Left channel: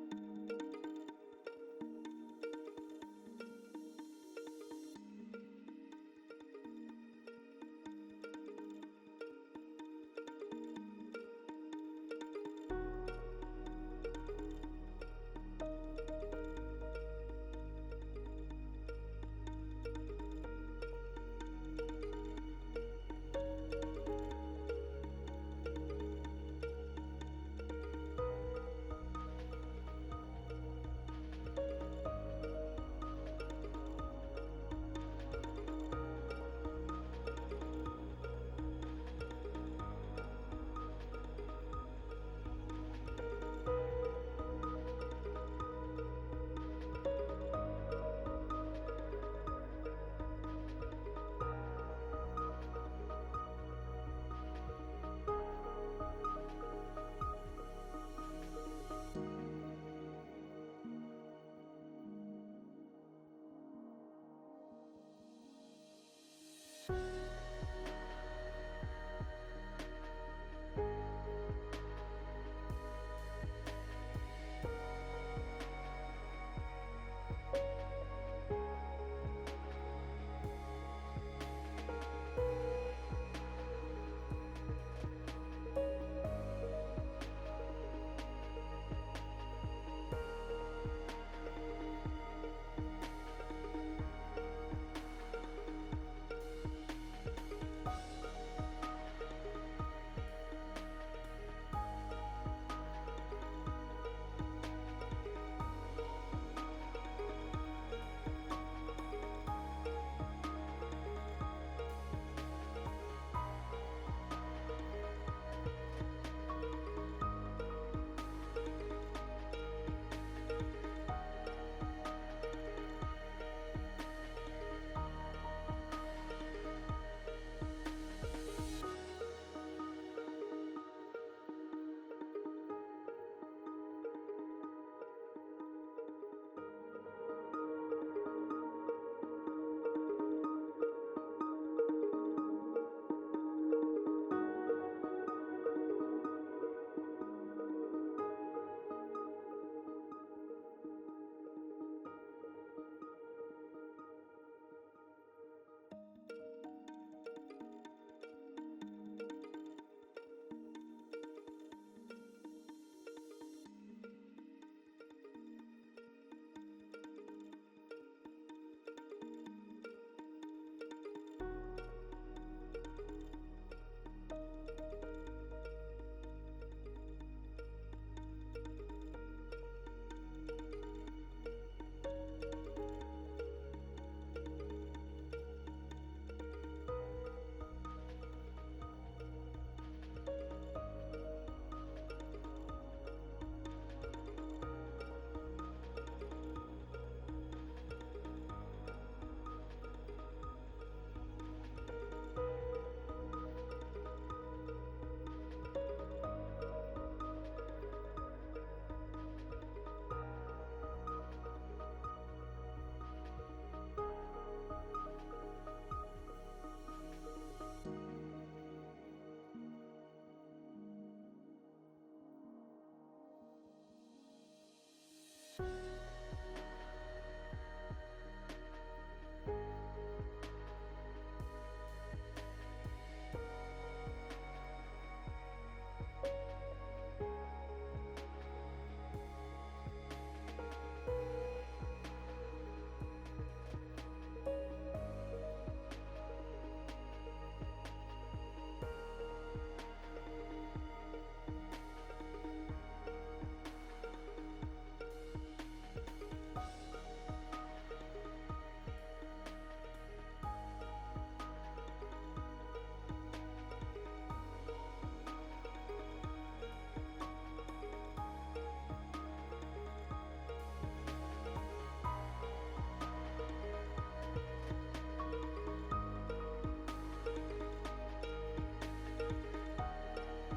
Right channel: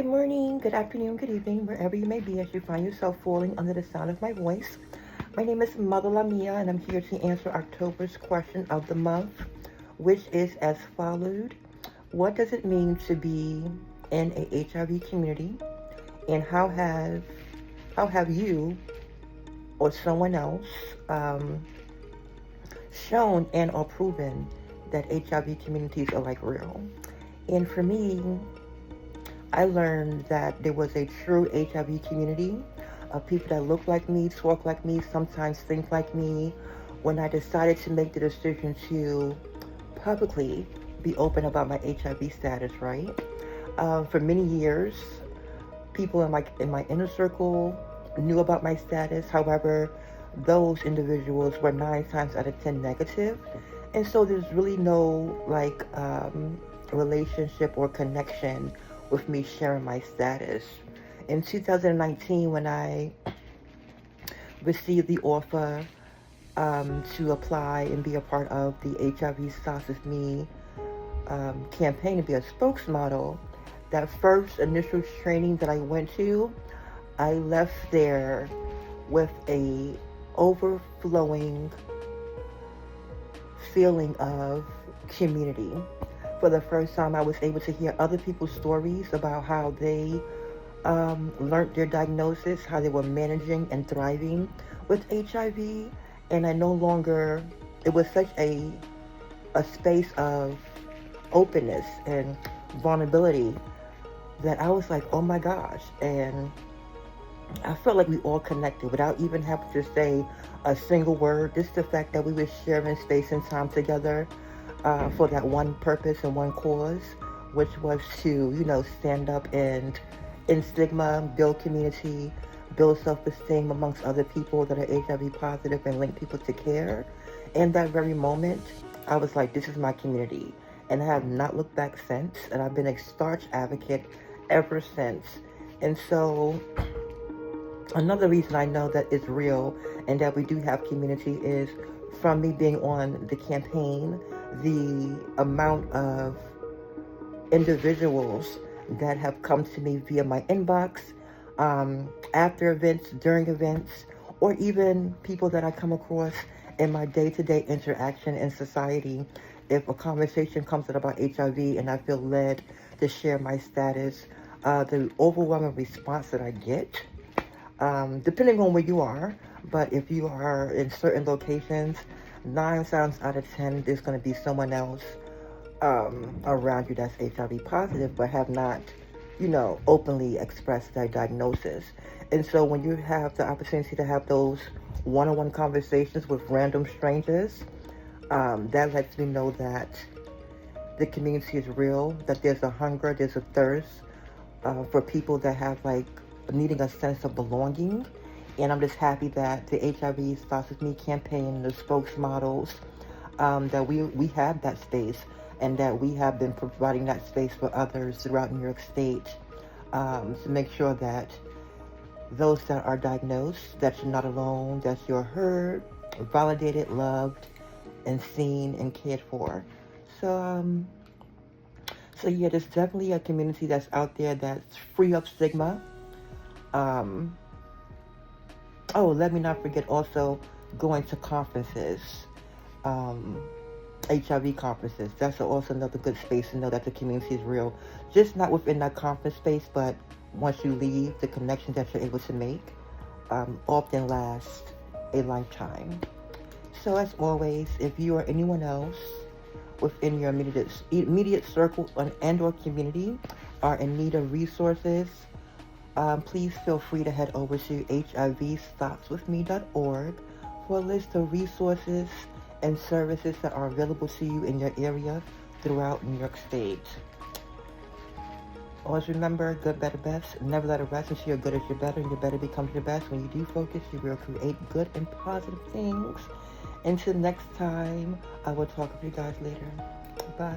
Good morning, good afternoon, good evening, wherever you may be as you find yourself falling under the sound of my voice. My name is Mother Lamia, and I'm here to answer October's question of the month, which is as followed. What does it mean to be in a HIV community, and how have you or someone else um, shown and or proven that HIV communities are like real? And for me, I learned that there was a true HIV community of people that look like me, talk like me, sometimes think like me. When I decided to make the decision to publicly be open about my HIV status, right? For many years, people in my inner circle knew about my status. However, those individuals were 9 times out of 10 negative, and so there's really no relationship or connection with me sharing my status. In 2019, when I received the offer to apply and be a part of the HIV Starts With Me campaign to be a spokesmodel, that first initial training that I went to, I left there with a overflowing feeling of community. For the first time, I was able to hear other people's stories about how they learned their diagnosis, how they were managing and thriving with HIV, and I no longer, it was such a space of openness and vulnerability that I was like, oh my gosh. And I felt like we all connected without even having to say a single word. Just the fact that we were sharing space and time together for that one purpose and one cause, which was to, stand up and in stigma, build community, build self-esteem amongst other people that are HIV positive and link people to care. In that very moment, I was like, this is my community. And I have not looked back since, and I've been a staunch advocate ever since. And so another reason I know that it's real and that we do have community is from me being on the campaign, the amount of individuals that have come to me via my inbox, after events, during events, or even people that I come across in my day-to-day interaction in society. If a conversation comes up about HIV and I feel led to share my status, the overwhelming response that I get, depending on where you are, but if you are in certain locations, 9 times out of 10, there's going to be someone else around you that's HIV positive, but have not, openly expressed their diagnosis. And so when you have the opportunity to have those one-on-one conversations with random strangers, that lets me know that the community is real, that there's a hunger, there's a thirst for people that have needing a sense of belonging. And I'm just happy that the HIV Starts With Me campaign, the spokesmodels, that we have that space and that we have been providing that space for others throughout New York State to make sure that those that are diagnosed, that you're not alone, that you're heard, validated, loved, and seen and cared for. So, so yeah, there's definitely a community that's out there that's free of stigma. Um, oh, let me not forget also going to conferences. Um, HIV conferences. That's also another good space to know that the community is real. Just not within that conference space, but once you leave, the connections that you're able to make often last a lifetime. So as always, if you or anyone else within your immediate circle and or community are in need of resources, please feel free to head over to hivstopswithme.org for a list of resources and services that are available to you in your area throughout New York State. Always remember, good, better, best. Never let it rest until you're good as you're better, and your better becomes your best. When you do focus, you will create good and positive things. Until next time, I will talk with you guys later. Bye.